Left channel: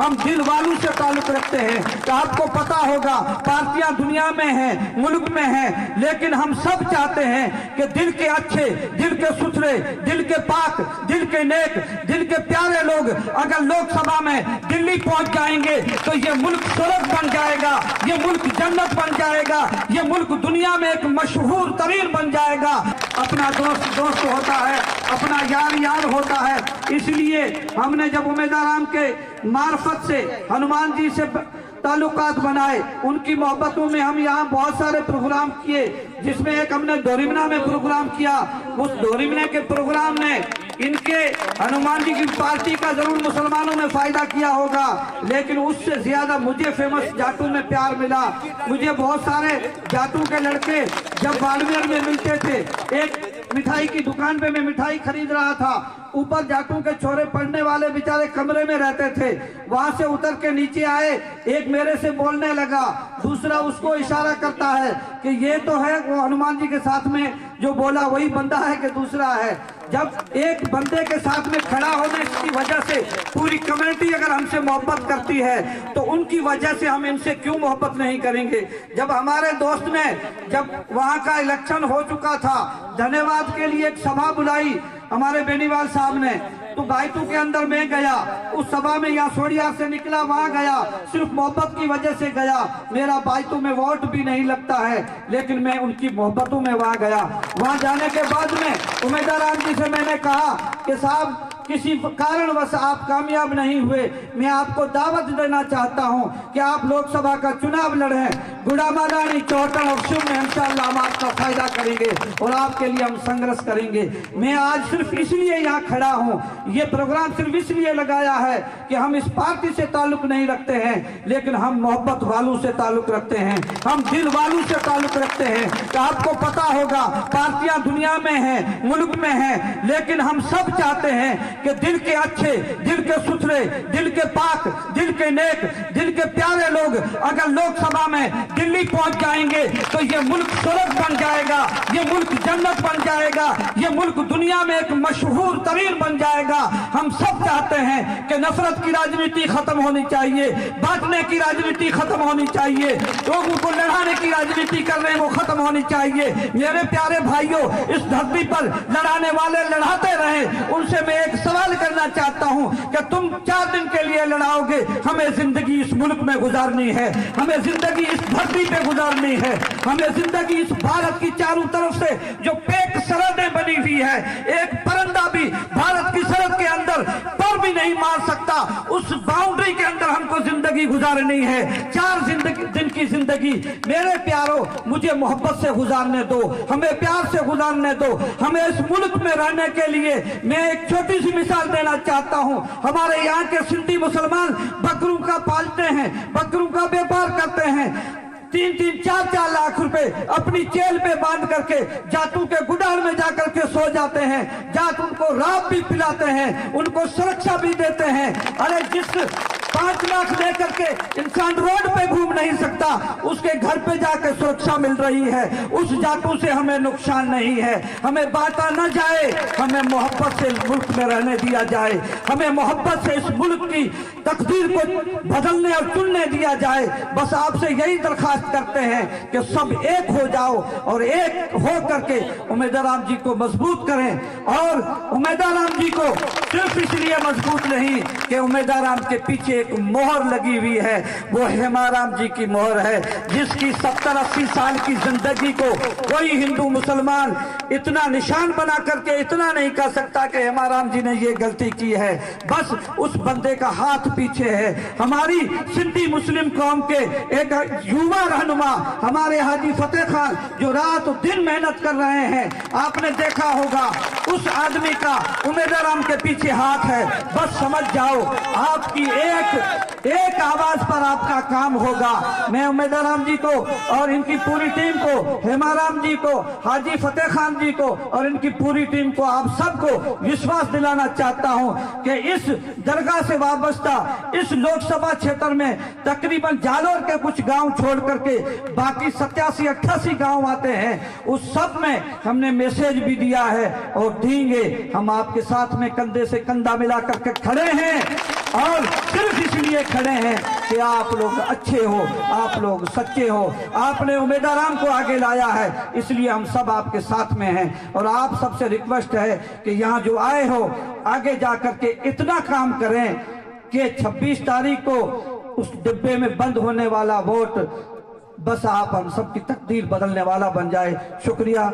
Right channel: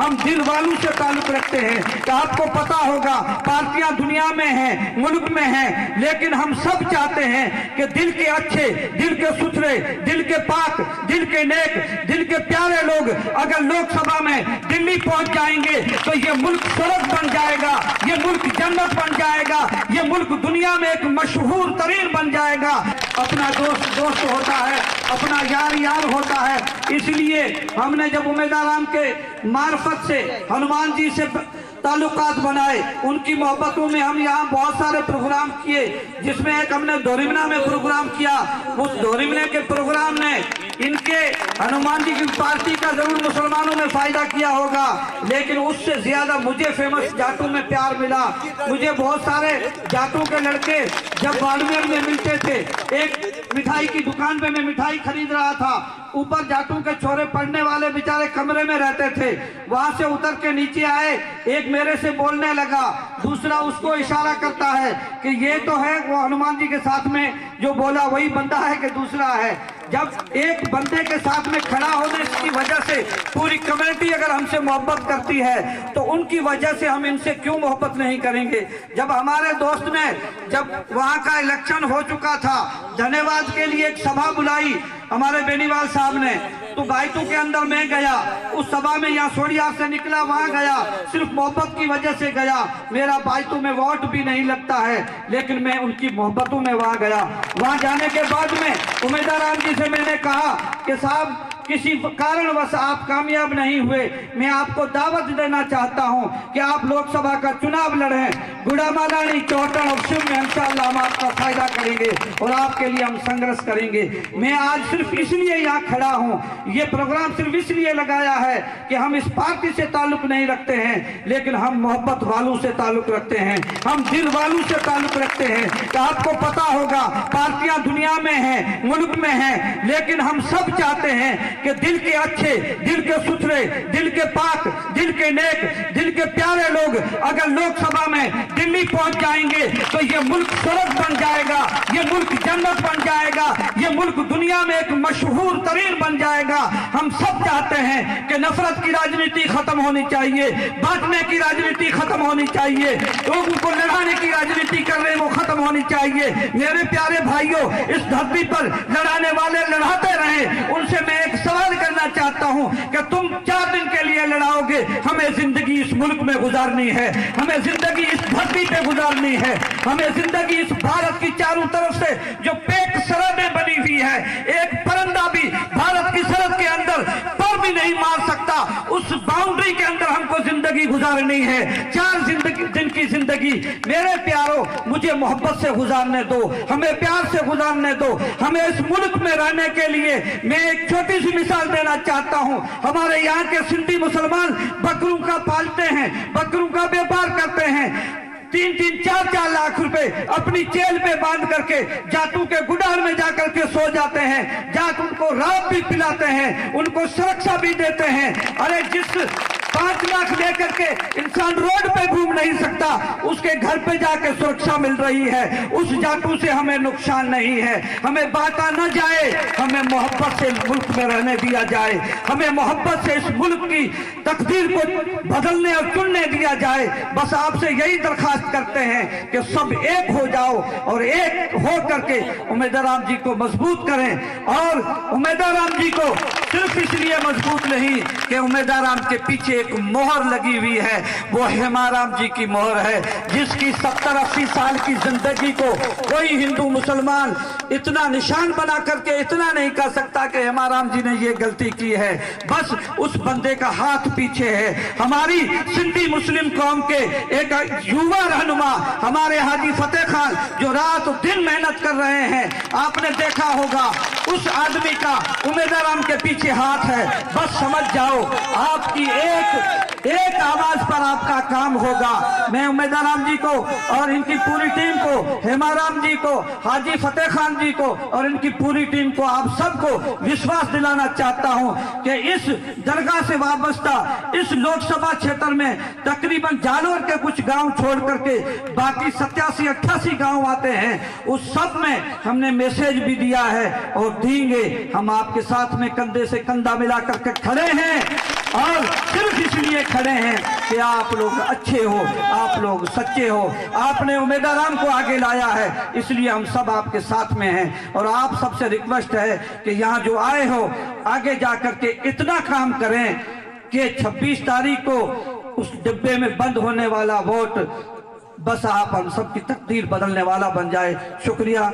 हम दिल वालों से ताल्लुक रखते हैं। तो आपको पता होगा पार्टियां दुनिया में हैं, मुल्क में हैं, लेकिन हम सब चाहते हैं कि दिल के अच्छे, दिल के सुथरे, दिल के पाक, दिल के नेक, दिल के प्यारे लोग अगर लोकसभा में दिल्ली पहुंच जाएंगे तो ये मुल्क स्वर्ग बन जाएगा, ये मुल्क जन्नत बन जाएगा, ये मुल्क दुनिया में एक मशहूर तरीन बन जाएगा। अपना दोस्त दोस्त होता है, अपना यार यार होता है। इसलिए हमने जब उम्मीदवार के मार्फत से हनुमान जी से ताल्लुकात बनाए, उनकी मोहब्बतों में हम यहाँ बहुत सारे प्रोग्राम किए, जिसमें एक हमने दोरिमना में प्रोग्राम किया। उस दोरिमना के प्रोग्राम ने इनके हनुमान जी की पार्टी का जरूर मुसलमानों में फायदा किया होगा, लेकिन उससे ज्यादा मुझे फेमस जाटों में प्यार मिला। मुझे बहुत सारे जाटों के लड़के जब बाड़मेर में मिलते थे, एक मिठाई की दुकान पे मैं मिठाई खरीद रहा था, ऊपर जाटों के छोरे पढ़ने वाले बेचारे कमरे में रहते थे, वहां से उतर के नीचे आए, एक मेरे से बोलने लगा, दूसरा उसको इशारा करता है कि ये तो है वो हनुमान जी के साथ में जो बोला वही बंदा है कि दूसरा है। जब एक बंदे के साथ में खड़ा होने की वजह से पूरी कम्युनिटी अगर हमसे मोहब्बत करती है तो उनकी वजह से हम इनसे क्यों मोहब्बत नहीं करेंगे। जब हमारे दोस्त ने जब वहां का इलेक्शन हो चुका था, धन्यवाद के लिए एक सभा बुलाई हमारे बेनीवाल साहब ने, तो गायतू के अंदर मैं गया, उस सभा में यहाँ सोड़िया से निकला, वहां गया, सिर्फ मोहब्बत की वजह से गया। मेरा बायतू में वोट भी नहीं लगता है, लेकिन मैं उनकी मोहब्बतों में वहां गया। वहां जाने के बाद में उम्मीदवार जी से मैंने कहा कि साहब किसी कारणवश आप कामयाब नहीं हुए, मैं आपको दावत देना चाहता हूं कि आप लोकसभा का चुनाव लड़ें, गुड़ामादानी चौटन अवश्य में इंशाअल्लाह हम आपका फायदा करेंगे और आपके लिए हम संघर्ष करेंगे। मैं आज सिर्फ इसलिए यहाँ खड़ा हूँ, ये प्रोग्राम सिर्फ इसलिए लगाया है कि हम इस पार्टी से ताल्लुक नहीं रखते हैं, लेकिन हम मोहब्बत वालों से ताल्लुक रखते हैं, हम दिल वालों से ताल्लुक रखते हैं। तो आपको पता होगा पार्टियां दुनिया में हैं, मुल्क में हैं, लेकिन हम सब चाहते हैं कि दिल के अच्छे, दिल के सुथरे, दिल के पाक, दिल के नेक, दिल के प्यारे लोग अगर लोकसभा में दिल्ली पहुंच जाएंगे तो ये मुल्क स्वर्ग बन जाएगा, ये मुल्क जन्नत बन जाएगा, ये मुल्क दुनिया में एक मशहूर तरीन बन जाएगा। हम सब चाहते हैं कि नफरत की राजनीति खत्म होनी चाहिए, बांटने की राजनीति खत्म होनी चाहिए, लोगों को लड़ाने की राजनीति कर रहे हैं वो खत्म होनी चाहिए। मेरे प्यारे भाइयों, इस धरती पर लड़ाने वाले लड़ाते रहे, उनसे मैं एक सवाल करना चाहता हूं कि तुम 4 दिन के लिए लड़ाओगे, हमें जिंदगी इस मुल्क में गुजारनी है, हमें जिंदगी इस धरती पे गुजारनी है, हमें जिंदगी इस भारत की चारों तरफ से जो पैक सरहदें बनी हुई है, एक परिंदा भी भारत की सरहद के अंदर पर भी नहीं मार सकता, उस बाउंड्री के अंदर हमको जिंदगी गुजारनी है। 4 दिन की जिंदगी मेरे प्यारों मुझे मोहब्बत से गुजारने दो, हमें प्यार से गुजारने दो। हमें इस मुल्क में रहने के लिए मैं एक छोटी सी मिसाल देना चाहता हूं। हमारे यहाँ के सिंधी मुसलमान बकरों का पालते हैं, बकरों का व्यापार करते हैं, 3-3, 4-4 लाख रुपए अपनी जेल पे बांध करके जाटों के गुडार में जाकर के सो जाते हैं, जाट उनको रात भी पिलाते हैं, उनको सुरक्षा भी देते हैं। अरे जिस 5 लाख लेकर के इंसान रोड पे घूम नहीं सकता, उसके घर पे जाके सुरक्षा मिल रही है, उस जाटों से हमें नुकसान नहीं है। हमें बांटा न जाए, हमें मोहब्बत से मुल्क में रहने दिया जाए, हमें मोहब्बत से इस मुल्क की तकदीर को बदलने और चुनने दिया जाए। बस आपसे यही दरखास्त करते हैं कि सब एक हो जाओ और एक हो करके उम्मीदवार जी को मजबूत करें। और उम्मीदवार जी को सिर्फ इसलिए मजबूत नहीं कि उम्मीदवार के पीछे एक मोहर लगी हुई है, वो हेमाराम जी की मोहर है, जिसकी 70-80 साल की जिंदगी को कोई हिंदू मुसलमान इतना निशान बना करके इतना नहीं कह सकता कि हेमाराम जी ने ये गलती की है। बस उस बंदे का हाथ पीछे है। हमारी सिंधी मुस्लिम कौम के एक युवा रहनुमा हमारे हाजी फतेह खान जो रात दिन मेहनत कर रहे हैं, आपने देखा होगा उस आदमी का उम्मीदवार के पीछे हाथ है। बस समझ जाओ आपकी एक आवाज पर आपका काम होगा। मैं उम्मीदवार जी को और इनकी पूरी टीम को, हेमाराम जी को, हाजी फतेह खान जी को और इनकी पूरी टीम को, आप सबको विश्वास दिलाना चाहता हूं कि इस दरगाह से वाबस्ता इस लोकसभा क्षेत्र में तकरीबन जालोर के कुछ गांव छोड़ करके बाकी 87-88 गांव आते हैं, उस सब में हमने मैसेज भी दिया है और देंगे। हम आपके साथ में कंधे से कंधा मिला करके खड़े हैं और सिर्फ इसलिए खड़े हैं कि आप लोग अच्छे हो, आप लोग सच्चे हो, आपने उम्मीदवार को आगे लाया है, इसलिए हम सब आपके साथ में हैं। और आप सबसे रिक्वेस्ट है कि यहाँ जो आए हो आगे जाकर के इतना काम करें कि 26 तारीख को उस डिब्बे में बंद होने वाला वोट बस आप हम सब की तकदीर बदलने वाला बन जाए। शुक्रिया।